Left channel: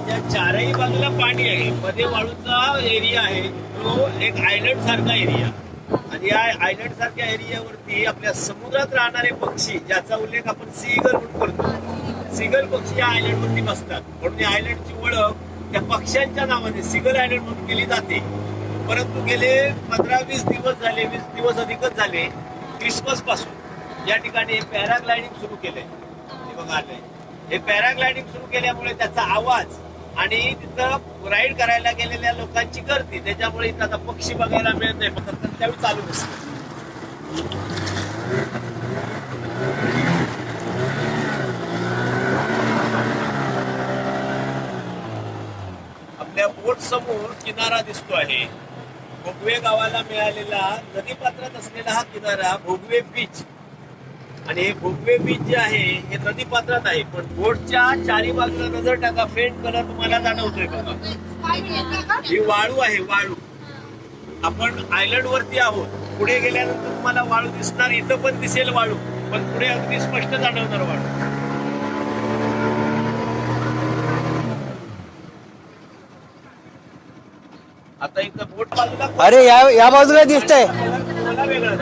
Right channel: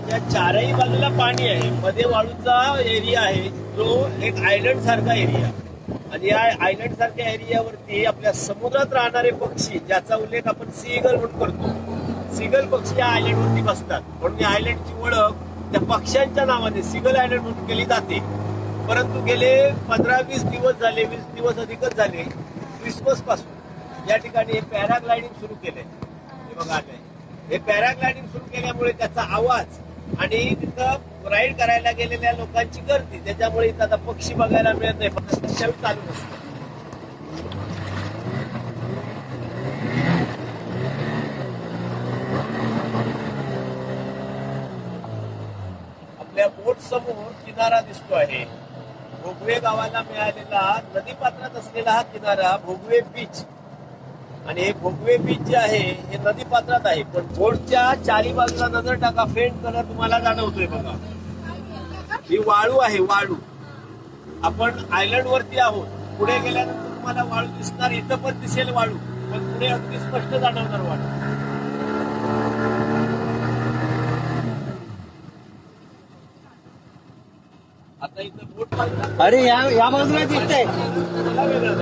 त्याच्या चारही बाजूला पाणी आहे, मध्ये वाळूचा एरिया आहे जो एक आयलंड सारखा एरिया. आणि या आयलंड सारख्या एरियावरती आपल्या समुद्रात राहणारे पक्षी, ज्याचा उल्लेख आपण सीगल म्हणून करतो, सीगल पक्षी या आयलंडवरती बसतात. म्हणून या आयलंडची ओळख त्या पक्ष्यांच्या नावाने सीगल आयलंड म्हणून केली जाते. परंतु गेले 15-20 दिवस झाले, 20 दिवस अधिकच झाले, क्रिसमस पासून या ठिकाणी हे पॅराग्लायडिंग सुरू केलंय. हे बघा आलंय, हे पॅराग्लायडिंग सुरू केल्यामुळे त्याचा आवाज आणि तिथं राईड करायला गेलेल्या लोकांची गर्दी, त्याच्यामुळे इथं आता पक्षी बघायला मिळत नाही. फक्त त्यावेळी चालू नसतं. आपल्या बोट समोर किनारा दिसतो आहे. भोगवे गावाला मिळालेला नदीपात्रात असलेला हा किनारा भोगवे बीच. आणि हे भोगवे बीच जे आहे हे नदीपात्रात आहे, पण बोटच्या चारी बाजूला नजर टाका, फेंट कलर तुम्हाला जाणवतोय बघा. ही वाळू आहे, वाळू. आपण आयलंड वरती आहोत. पुढे गेल्यानंतर तुम्हाला वाळू दिसणार, इथं पण दिसेल वाळू, पण पुढे अगदी स्पष्ट जाणवणार वाळू. आता इथं बोट बाजूला, अरे या बाजूला दिसतंय. वेगळा